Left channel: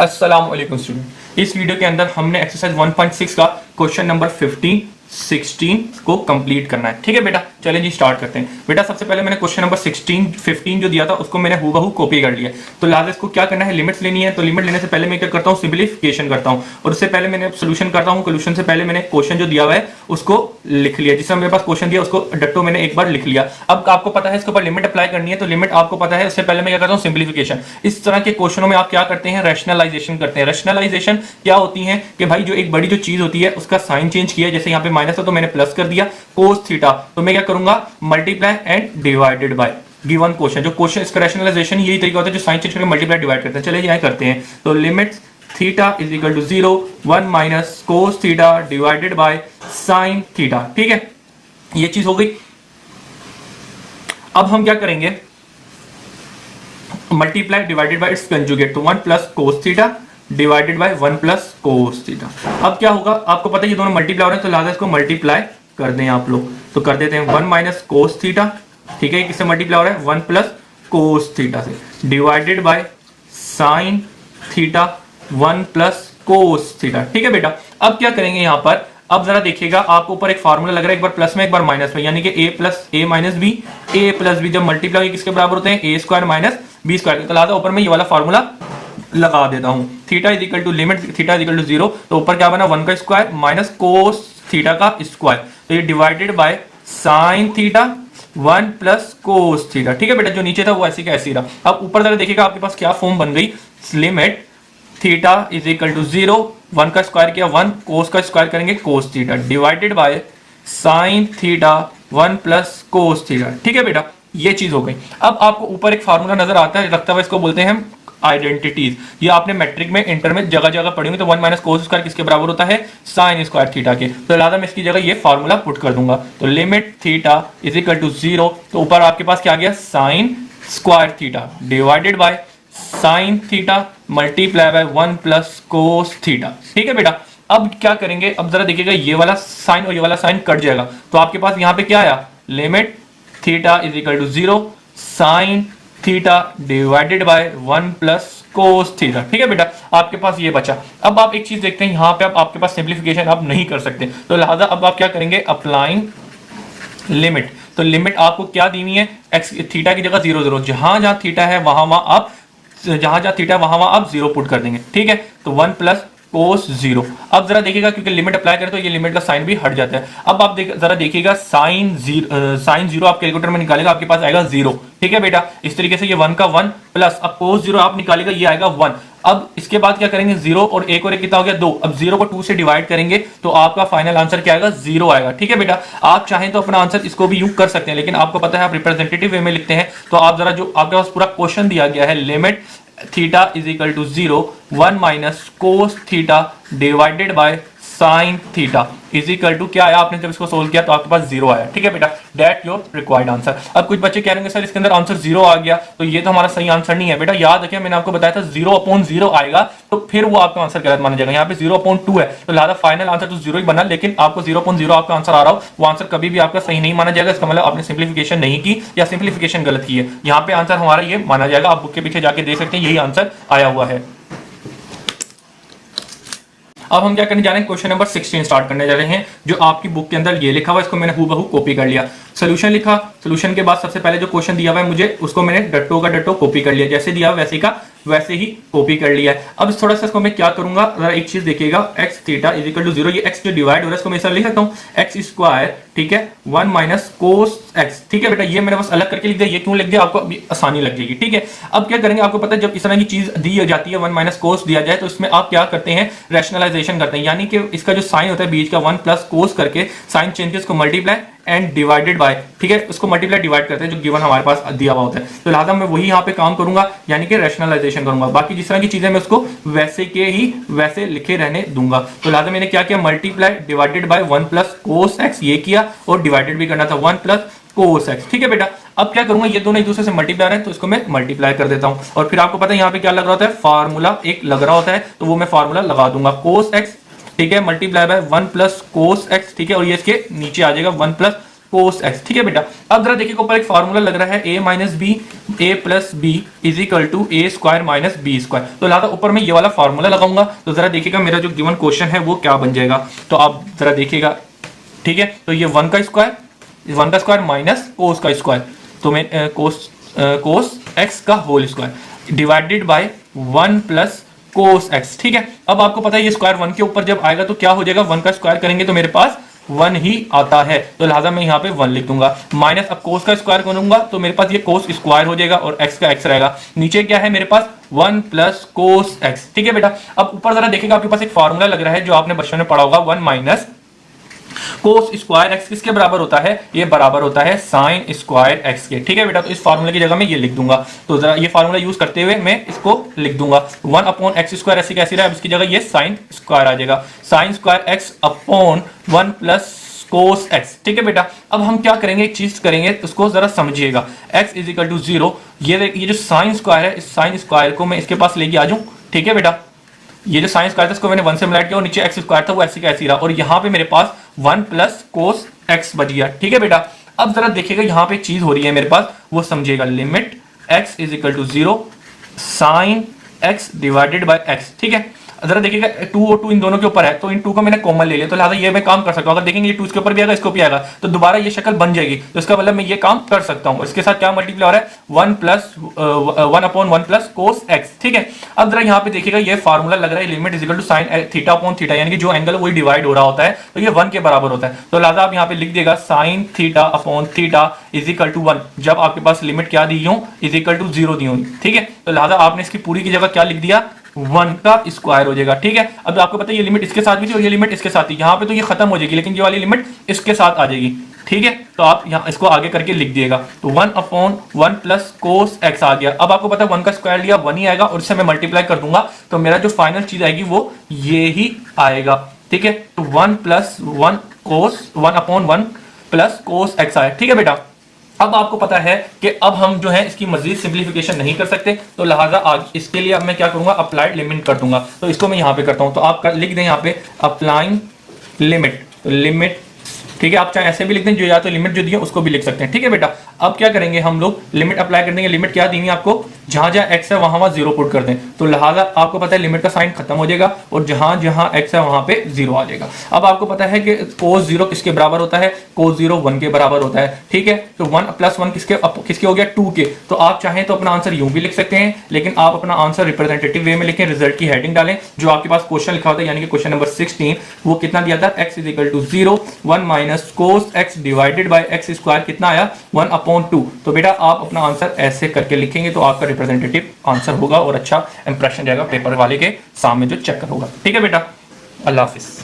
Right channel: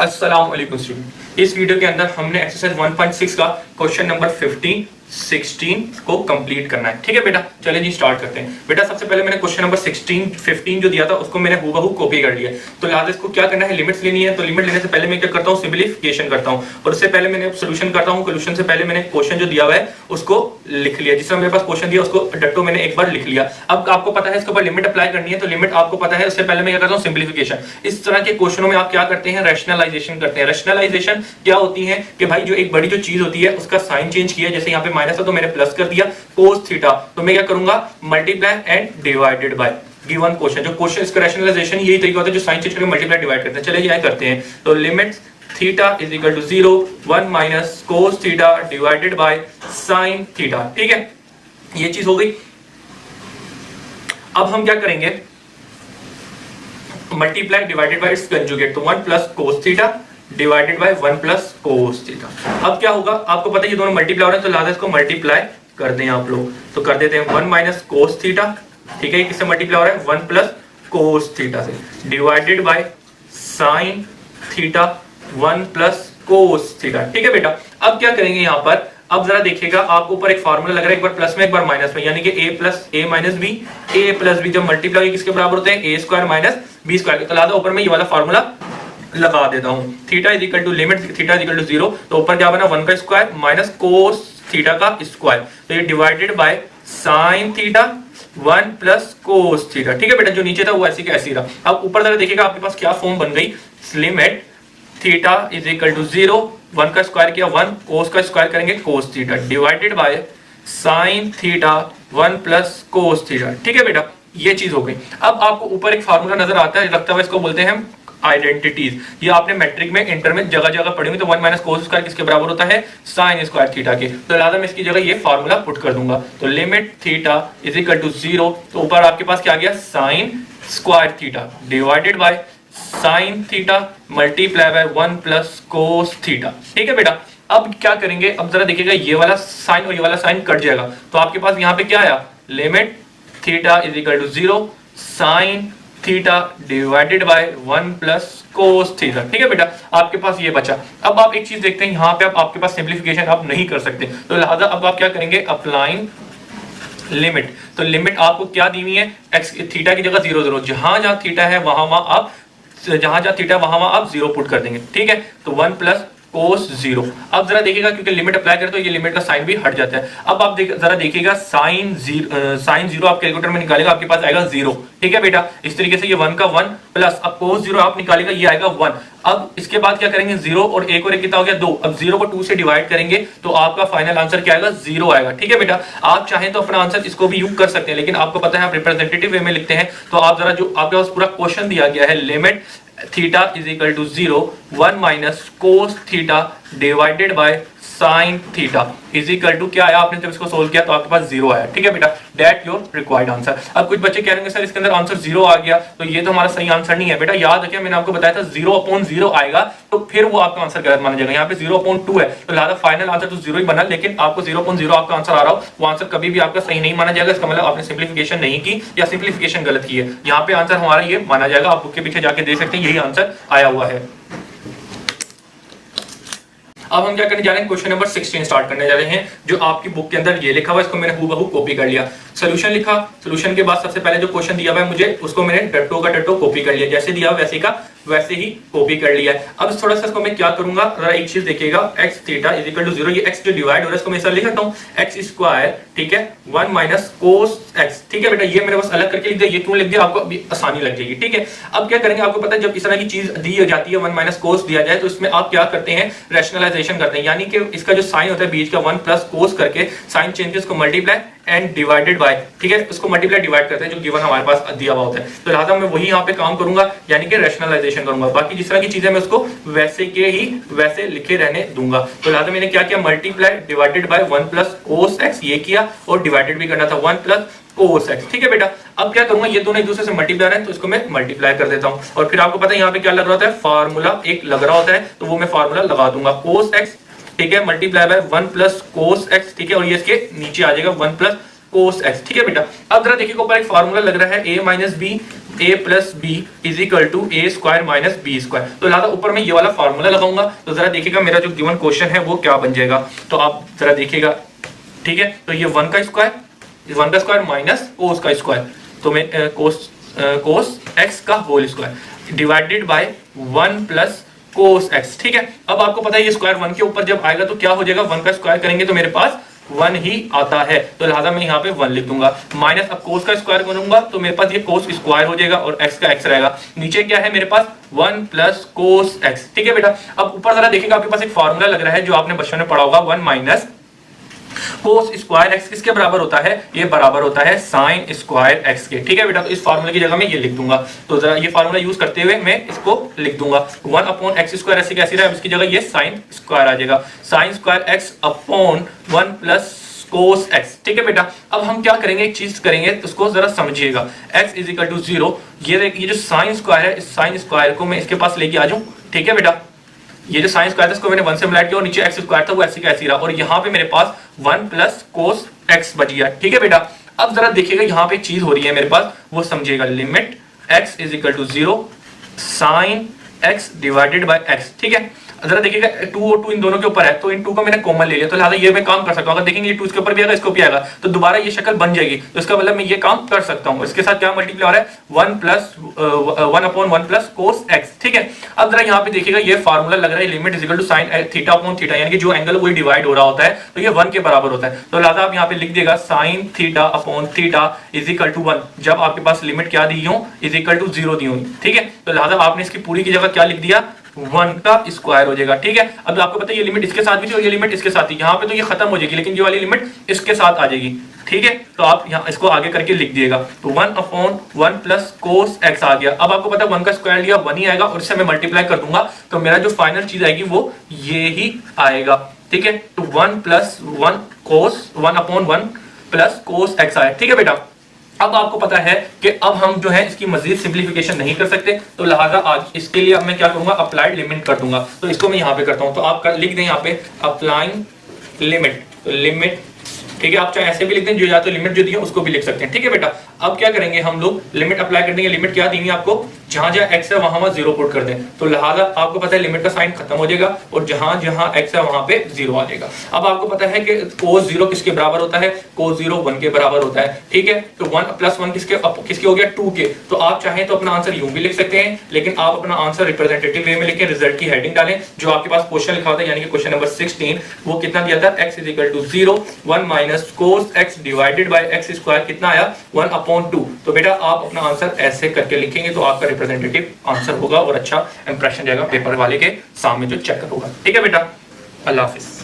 अस्सलाम वालेकुम स्टूडेंट। इस वीडियो के अंदर हमने एक्सरसाइज 1.6 का क्वेश्चन नंबर 15, 16 को कंप्लीट करना है। ठीक है बेटा, चलिए जी स्टार्ट करते हैं। बेटा सबसे पहले मैंने क्वेश्चन नंबर 16, 15 जो दिया था उसको मैंने हूबहू कॉपी कर लिया। तो लिहाजा इसको क्या करना है, लिमिट्स लेनी है। तो लिमिट लेने से पहले मैं क्या करता हूँ, सिंपलीफिकेशन करता हूँ और उससे पहले मैंने सोल्यूशन करता हूँ। सोल्यूशन से पहले मैंने क्वेश्चन जो दिया हुआ है उसको लिख लिया, जिससे मेरे पास क्वेश्चन दिया उसको डट्टो मैंने एक बार लिख लिया। अब आपको पता है इसके ऊपर लिमिट अप्लाई करनी है, तो लिमिट आपको पता है। उससे पहले मैं क्या करता हूँ, सिंपलीफिकेशन। इस तरह के क्वेश्चनों में आप क्या करते हैं, रैशनलाइजेशन करते हैं। रैशनलाइजेशन क्या होती है कि भाई जो एक बड़ी जो चीज होती है उसका साइन चेंज किया, जैसे यहाँ पे माइनस है तो मैंने प्लस कर दिया cos थीटा, तो मैं क्या करूंगा, multiply and divided by given question. जो क्वेश्चन इसका रैशनलाइजेशन यही तरीका होता है जो साइन चेंज करके मल्टीप्लाई डिवाइड करते हैं। चलिए यहाँ करते हैं। तो limit theta is equal to 0 1 minus cos theta divided by sine theta. ठीक है, ये चीज हो गई। अब हम क्या करेंगे, multiply divided by it's conjugate, तो 1 plus cos theta divided by 1 plus cos theta. अब क्या होगा, आपको पता है ये दोनों मल्टीप्लाई हो रहे हैं, तो लिहाजा इसको मल्टीप्लाई कर दें आप लोग। तो कर देते हैं 1 माइनस कोस थीटा, ठीक है, किससे मल्टीप्लाई हो रहा है, 1 प्लस कोस थीटा से, divided by sine theta 1 plus cos theta. ठीक है बेटा, अब क्या करेंगे यहाँ पर, अब जरा देखिएगा, आपको ऊपर एक फार्मूला लग रहा है, एक बार प्लस में एक बार माइनस में, यानी कि a plus a minus B, A plus b जब मल्टीप्लाई किसके बराबर होते हैं, a square minus B square. तो लिहाजा ऊपर में ये वाला फार्मूला लगा देता हूं। Theta is equal to limit theta is equal to 0, तो ऊपर क्या बना, 1 का स्क्वायर माइनस कोस थीटा का स्क्वायर, तो ये divided by sine theta 1 plus cos theta. ठीक है बेटा, जो नीचे था वो ऐसी का ऐसी रहा। अब ऊपर जरा देखिएगा आपके पास क्या फॉर्म बन गई, limit theta is equal to 0, 1 का स्क्वायर किया 1, कोस का स्क्वायर करेंगे कोस theta, divided by sine theta 1 plus cos theta. ठीक है बेटा, ये चीज हो गई। अब आपको ऊपर एक फार्मूला नजर आता है, रखता हुआ, इसको बोलते हैं हम आइडेंटिटीज। ये आपने मैट्रिक में इंटर में जगह जगह पढ़ी हुई। तो 1 माइनस कोस स्क्वायर किसके बराबर होता है, साइन स्क्वायर थीटा के। तो लिहाजा मैं इसकी जगह ये फार्मूला पुट कर दूंगा। तो limit theta is equal to 0, तो ऊपर आपके पास क्या आ गया, sine square theta divided by sine theta multiply by 1 plus cos theta. ठीक है बेटा, अब क्या करेंगे, अब जरा देखिएगा, ये वाला साइन और ये वाला साइन कट जाएगा, तो आपके पास यहाँ पे क्या आया, limit theta is equal to 0 sine theta divided by 1 plus cos theta. ठीक है बेटा, आपके पास ये बचा। अब आप एक चीज देखते हैं, यहाँ पे आपके पास सिंप्लीफिकेशन आप नहीं कर सकते, तो लिहाजा अब आप क्या करेंगे, अप्लाइंग लिमिट। तो लिमिट आपको क्या दी हुई है, एक्स थीटा की जगह 0 0, जहां जहां थीटा है वहां वहां आप थीटा वहां वहां आप 0 पुट कर देंगे। ठीक है, तो 1 प्लस कोस 0। अब जरा देखिएगा, क्योंकि लिमिट अप्लाई करें तो ये लिमिट का साइन भी हट जाता है। अब आप जरा देखिएगा, साइन 0 आप कैलकुलेटर में निकालेगा, आपके पास आएगा 0। ठीक है बेटा, इस तरीके से ये 1 का 1 प्लस, अब कोस 0 आप निकालेगा, ये आएगा 1। अब इसके बाद क्या करेंगे, 0 और 1 और 1 कितना हो गया, 2। अब 0 को 2 से डिवाइड करेंगे तो आपका फाइनल आंसर क्या आएगा, 0 आएगा। ठीक है बेटा, आप चाहें तो अपना आंसर इसको भी यूज कर सकते हैं, लेकिन आपको पता है आप रिप्रेजेंटेटिव वे में लिखते हैं। तो आप जरा, जो आपके पास पूरा क्वेश्चन दिया गया है, limit theta is equal to 0 1 minus cos theta divided by sine theta is equal to क्या आया, आपने जब इसको सोल्व किया तो आपके पास 0 आया। ठीक है बेटा, दैट योर रिक्वायर्ड आंसर। अब कुछ बच्चे कहेंगे सर इसके अंदर आंसर 0 आ गया, तो ये तो हमारा सही आंसर नहीं है। बेटा याद रखिए, मैंने आपको बताया था 0/0 आएगा तो फिर वो आपका आंसर गलत माना जाएगा। यहाँ पे 0/2 है, तो लिहाजा फाइनल आंसर तो 0 ही बना, लेकिन आपको 0/0 आपका आंसर आ रहा हो, वो आंसर कभी भी आपका सही नहीं माना जाएगा। इसका मतलब आपने सिंप्लीफिकेशन नहीं की या सिंप्लीफिकेशन गलत की है। यहाँ पे आंसर हमारा ये माना जाएगा। आप बुक के पीछे जाके देख सकते हैं, यही आंसर आया हुआ है। अब हम क्या करने जा रहे हैं, क्वेश्चन नंबर 16 स्टार्ट करने जा रहे हैं। जो आपकी बुक के अंदर ये लिखा हुआ है, इसको मैंने हूबहू कॉपी कर लिया। सोल्यूशन लिखा, सोल्यूशन के बाद सबसे पहले जो क्वेश्चन दिया हुआ है मुझे, उसको मैंने डट्टो का डट्टो कॉपी कर लिया, जैसे दिया वैसे का वैसे ही कॉपी कर लिया है। अब थोड़ा सा इसको मैं क्या करूंगा, जरा एक चीज देखिएगा, x theta is equal to 0, ये एक्स जो डिवाइड हो रहा है इसको मैं इस तरह लिख सकता हूँ, एक्स स्क्वायर, ठीक है, 1 माइनस कोस एक्स। ठीक है बेटा, ये मैंने बस अलग करके लिख दिया, ये क्यों लिख दिया, आपको अभी आसानी लग जाएगी। ठीक है, अब क्या करेंगे, आपको पता है जब इस तरह की चीज दी जाती है, 1 माइनस कोस दिया जाए, तो इसमें आप क्या करते हैं, रैशनलाइजेशन करते हैं, यानी कि इसका जो साइन होता है बीच का 1 प्लस कोस करके साइन चेंजेस को मल्टीप्लाई एंड डिवाइडेड बाय, ठीक है, उसको मल्टीप्लाई डिवाइड करते हैं जो गिवन हमारे पास दिया हुआ होता है। तो लिहाजा मैं वही यहाँ पे काम करूंगा, यानी कि रैशनलाइजेशन करूंगा। बाकी जिस तरह की चीजें मैं उसको वैसे के ही वैसे लिखे रहने दूंगा। तो लिहाजा मैंने क्या किया, multiply divided by 1 plus cos x ये किया, और डिवाइडेड भी करना था 1 प्लस कोस एक्स। ठीक है बेटा, अब क्या करूंगा, ये दोनों एक दूसरे से मल्टीप्लाई है, तो इसको मैं मल्टीप्लाई कर देता हूं। और फिर आपको पता है यहाँ पे क्या लग रहा होता है, फार्मूला एक लग रहा होता है, तो वो मैं फार्मूला लगा दूंगा, कोस एक्स, ठीक है, multiply by 1 plus cos x. ठीक है, और ये इसके नीचे आ जाएगा 1 प्लस कोस एक्स। ठीक है बेटा, अब जरा देखिए ऊपर एक फार्मूला लग रहा है A minus B A plus B is equal to A square minus B square. तो लिहाजा ऊपर में ये वाला फार्मूला लगाऊंगा। तो जरा देखिएगा मेरा जो गिवन क्वेश्चन है वो क्या बन जाएगा। तो आप जरा देखिएगा, ठीक है, तो ये 1 का स्क्वायर माइनस कोस का स्क्वायर, तो मैं कोस एक्स का whole square divided by 1 plus cos x. ठीक है, अब आपको पता है ये स्क्वायर 1 के ऊपर जब आएगा तो क्या हो जाएगा, 1 का स्क्वायर करेंगे तो मेरे पास 1 ही आता है, तो लिहाजा मैं यहाँ पे 1 लिख दूंगा। माइनस अब कोस का स्क्वायर करूंगा तो मेरे पास ये कोस स्क्वायर हो जाएगा और एक्स का एक्स रहेगा। नीचे क्या है मेरे पास 1 प्लस कोस एक्स। ठीक है बेटा, अब ऊपर जरा देखिएगा आपके पास एक फॉर्मूला लग रहा है जो आपने बचपन में पढ़ा होगा, 1 माइनस कोस स्क्वायर एक्स किसके बराबर होता है, ये बराबर होता है साइन स्क्वायर एक्स के। ठीक है बेटा, तो इस फार्मूले की जगह मैं ये लिख दूंगा। तो जरा ये फार्मूला यूज करते हुए मैं इसको लिख दूंगा 1 अपॉन एक्स स्क्वायर ऐसे कैसे रहा है, अब इसकी जगह ये साइन स्क्वायर आ जाएगा, sine square x upon 1 plus cos x. ठीक है बेटा, अब हम क्या करेंगे, एक चीज करेंगे उसको जरा समझिएगा। x इज इक्वल टू 0, ये जो साइन स्क्वायर है इस साइन स्क्वायर को मैं इसके पास लेके आ जाऊं। ठीक है बेटा, ये जो साइन स्क्वायर था इसको मैंने 1 से मल्टीप्लाई किया और नीचे एक्स स्क्वायर था वो ऐसे कैसे रहा, और यहाँ पे मेरे पास 1 प्लस कोस एक्स बच गया। ठीक है बेटा, अब जरा देखिएगा यहाँ पे चीज हो रही है मेरे पास, वो समझिएगा। Limit x is equal to 0 sine x divided by x। ठीक है, जरा देखिएगा 2 और 2 इन दोनों के ऊपर है, तो इन 2 को मैंने कॉमन ले लिया, तो लिहाजा ये मैं काम कर सकता हूं। अगर देखेंगे ये 2 इसके ऊपर भी आएगा, इसको भी आएगा, तो दोबारा ये शक्ल बन जाएगी, तो इसका मतलब मैं ये काम कर सकता हूं। इसके साथ क्या मल्टीप्लाई हो रहा है, 1 अपॉन 1 प्लस कोस एक्स। ठीक है, अब जरा यहाँ पे देखिएगा ये फार्मूला लग रहा है, limit is equal to sine theta upon theta, यानी कि जो एंगल वही डिवाइड हो रहा होता है, तो ये 1 के बराबर होता है। तो लिहाजा आप यहाँ पे लिख देगा sine theta upon theta is equal to 1, जब आपके पास लिमिट क्या दी हो, इज इक्वल टू 0 दी होगी। ठीक है, तो लिहाजा आपने इसकी पूरी की जगह क्या लिख दिया, 1 का स्क्वायर हो जाएगा। ठीक है, अब आपको पता है ये लिमिट इसके साथ भी थी और ये लिमिट इसके साथ थी, यहाँ पे तो ये खत्म हो जाएगी, लेकिन ये वाली लिमिट इसके साथ आ जाएगी। ठीक है, तो आप यहाँ इसको आगे करके लिख दिएगा, तो 1 अपॉन 1 प्लस कोस एक्स आ गया। अब आपको पता है 1 का स्क्वायर लिया 1 ही आएगा और इससे मैं मल्टीप्लाई कर दूंगा, तो मेरा जो फाइनल चीज आएगी वो ये ही आएगा। ठीक है, तो 1 प्लस 1 कोस 1 अपॉन 1 प्लस कोस एक्स आया। ठीक है बेटा, अब आपको पता है कि अब हम जो है इसकी मजीद सिंप्लीफिकेशन नहीं कर सकते, तो लिहाजा आज इसके लिए अब मैं क्या करूंगा, अप्लाइड लिमिट कर दूंगा। तो इसको मैं यहां पे करता हूं, तो आप लिख दें यहां पे अप्लाइंग लिमिट। ठीक है, आप चाहे ऐसे भी लिख दें, जो या तो लिमिट जो दी है उसको भी लिख सकते हैं। ठीक है बेटा, अब क्या करेंगे हम लोग, लिमिट अप्लाई कर देंगे। लिमिट क्या दी है आपको, जहां जहां एक्स है वहां 0 पुट कर दें, तो लिहाजा आपको पता है लिमिट का साइन खत्म हो जाएगा और जहां जहां एक्स है वहां पे 0 आ जाएगा। अब आपको पता है कि कोस 0 किसके बराबर होता है, कोस 0 1 के बराबर होता है। ठीक है, तो 1 प्लस 1 किसके हो गया, 2 के। तो आप चाहें तो अपना आंसर यूं भी लिख सकते हैं, लेकिन आप अपना आंसर रिप्रेजेंटेटिव वे में लिखें, रिजल्ट की हेडिंग डालें, जो आपके पास क्वेश्चन लिखा होता है, यानी कि क्वेश्चन नंबर 16, वो कितना दिया था, x is equal to 0 1 minus cos x divided by x square कितना आया, 1 अपॉन 2। तो बेटा आप अपना आंसर ऐसे करके लिखेंगे तो आपका रिप्रेजेंटेटिव आंसर होगा और अच्छा इंप्रेशन जाएगा पेपर वाले के सामने जो चेक होगा। ठीक है बेटा, अल्लाह हाफिज।